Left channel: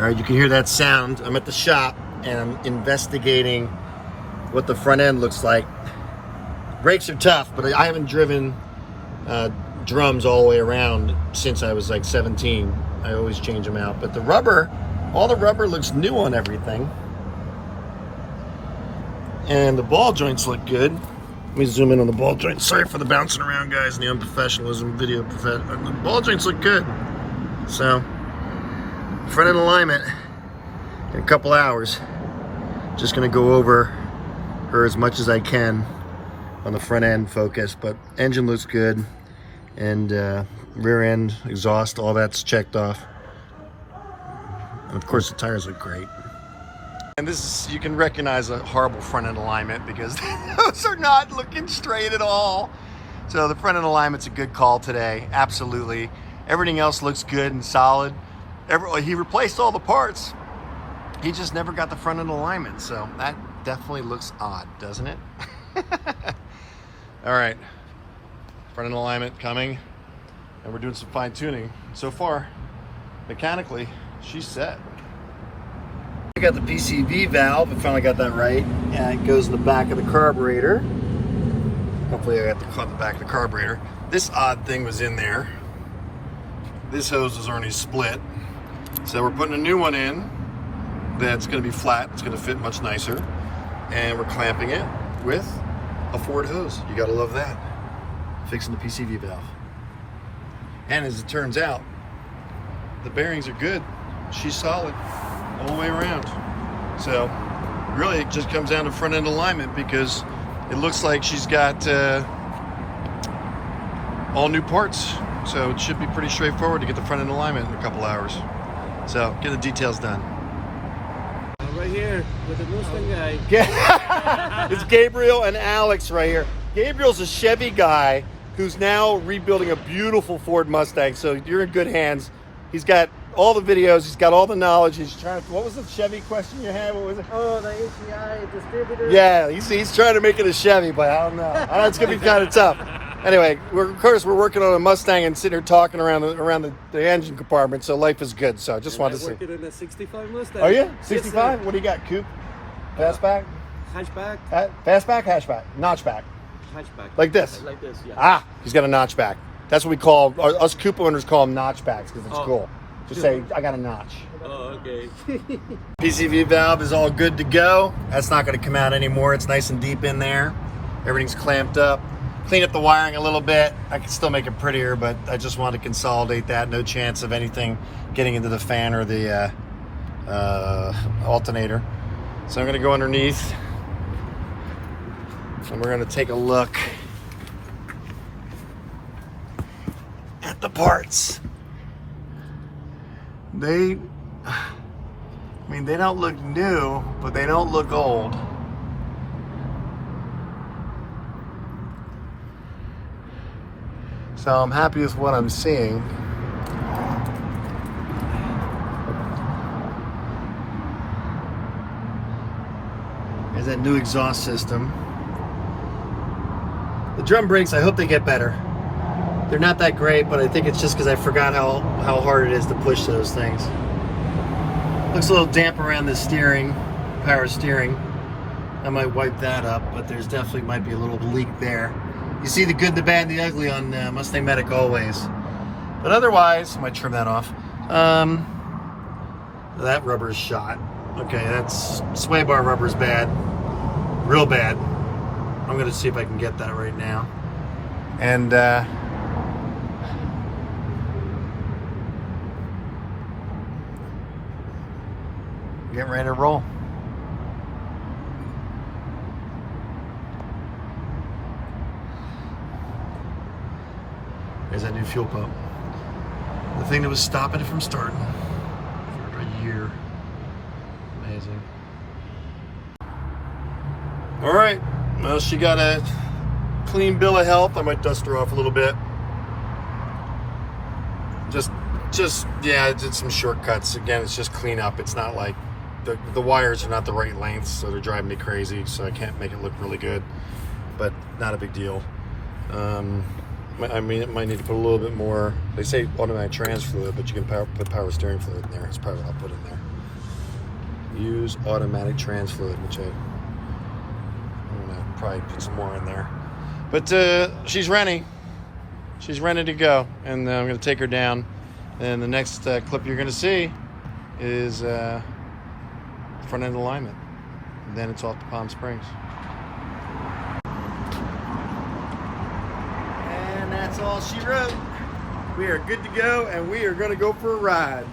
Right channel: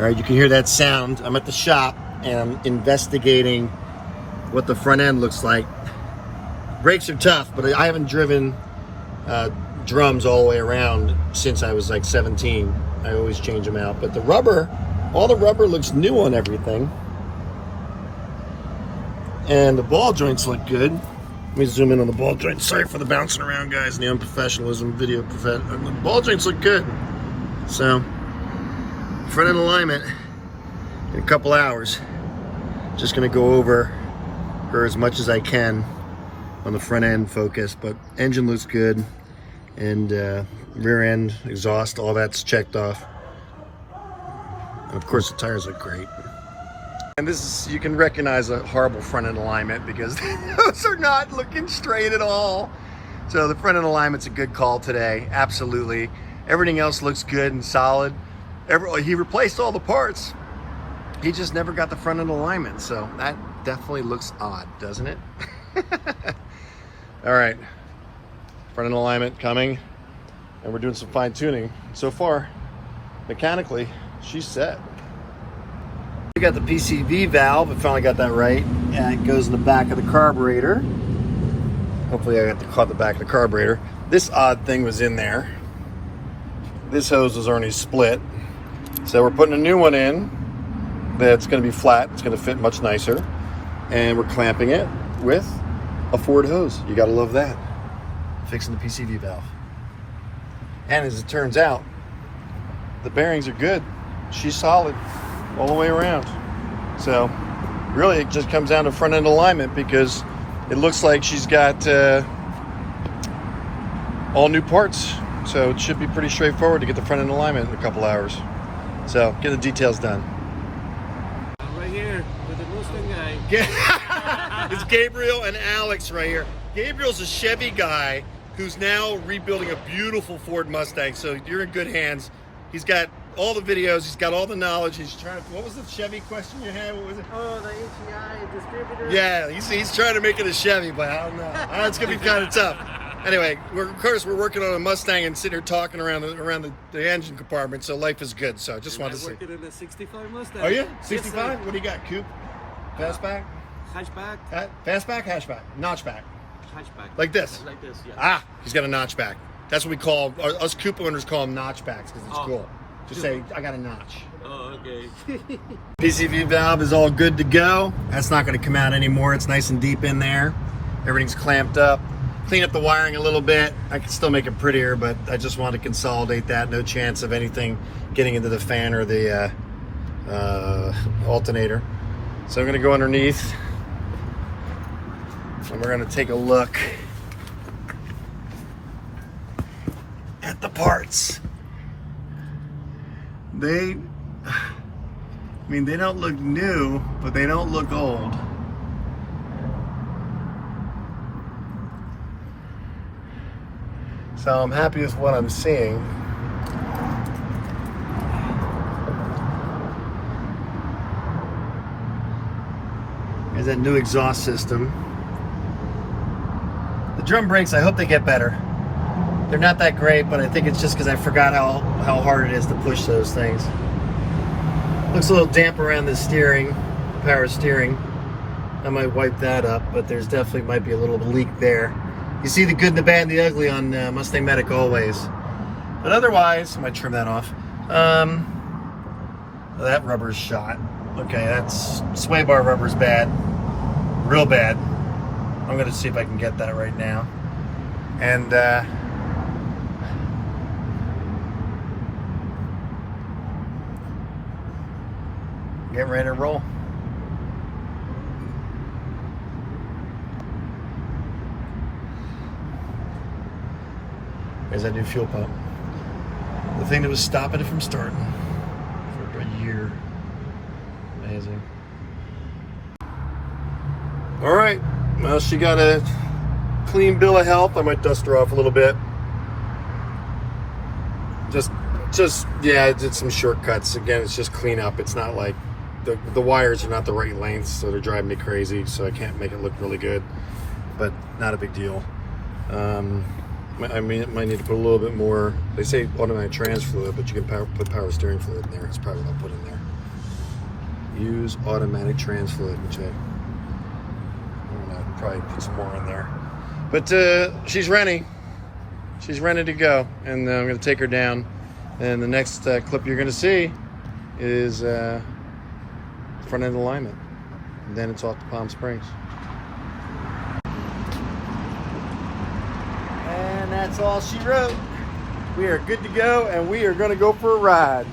All right, you can hear that sound. I'm at the shop and I'm investigating what the front end looks like. Brakes are tough, but I haven't driven drums all the way around since I was like 17. I always change them out, but the rubber, all the rubber looks new on everything. And the ball joints look good. Let me zoom in on the ball joints. Sorry for the bouncing around, guys, and the unprofessionalism video. The ball joints look good. So, front end alignment in a couple hours. Just gonna go over her as much as I can on the front end focus, but engine looks good, and rear end, exhaust, all that's checked off. And of course the tires look great. And this is, you can recognize a horrible front end alignment because those are not looking straight at all. So the front end alignment's a good call today, absolutely. Everything else looks good and solid. He replaced all the parts. He just never got the front end alignment, so that definitely looks odd, doesn't it? All right, front end alignment coming, and we're doing some fine tuning. So far, mechanically, she's set. We got the PCV valve, we finally got that right, and it goes in the back of the carburetor. Hopefully I caught the back of the carburetor. This odd thing was in there. This hose was already split. So we're putting a new one in that's gonna be flat, it's gonna fit much nicer. And we're clamping it with a Ford hose. You gotta love that. Fixing the PCV valve. And as it turns out, the bearings are good. She's solid all the way around. So really it just comes down to front end alignment because it looks like she's got all new parts. So it should be pretty straightforward to get the front end alignment in a couple hours. So get the details done. Right here with the Mustang guy. Yeah. It's Gabriel and Alex right here. Gabriel's a Chevy guy who's now rebuilding a beautiful Ford Mustang. So you're in good hands. He's got all the videos. He's got all the knowledge. He's trying to, what was the Chevy question you had? What was it? Oh, the HEI distributor. Yeah, he's trying to make it a Chevy, but I don't know. I know it's going to be kind of tough. Anyway, of course, we're working on a Mustang and sitting here talking around the engine compartment, so life is good. So I just wanted to see. Working in a 65 Mustang. Oh, yeah? 65? Yes, what do you got? Coupe? Fastback? Hatchback. Fastback, hatchback, notchback. Hatchback. Like this? Like this, yeah. Ah, he's got a notchback. That's what we call, us Coupe owners call them notchbacks because it's cool. Just say, I got a notch. Oh, okay. PCV valve is all good to go. That's not going to come out anymore. It's nice and deep in there. Everything's clamped up. Clean up the wiring a little bit. I can still make it prettier, but I just want to consolidate that. No chance of anything getting into the fan or the alternator. So I'm going to go underneath and we're going to take a look at the parts. They don't look new, but they don't look old. So I'm happy with what I'm seeing. There's that new exhaust system. The drum brakes, I hope they get better. They're not that great, but I think it's just because I forgot how hard it is to push those things. Looks a little damp around the steering, power steering. I might wipe that up, but there's definitely might be a little leak there. You see the good, the bad, and the ugly on MustangMedic always. But otherwise, I might trim that off. That rubber is shot. Okay, that's sway bar rubber is bad, real bad. I'm gonna see if I can get that right now. And get ready to roll. There's that new fuel pump. The thing that was stopping it from starting for a year. Amazing. All right, well, she got a clean bill of health. I might dust her off a little bit. Yeah, I did some shortcuts. Again, it's just clean up. It's not like, the wires are not the right length, so they're driving me crazy, so I can't make it look really good, but not a big deal. I mean, it might need to put a little bit more, they say automatic trans fluid, but you can put power steering fluid in there. That's probably what I'll put in there. use automatic trans fluid, which I'm gonna probably put some more in there. But she's ready. She's ready to go, and I'm gonna take her down. And the next clip you're gonna see is front end alignment. And then it's off to Palm Springs. And that's all she wrote. We are good to go, and we are gonna go for a ride.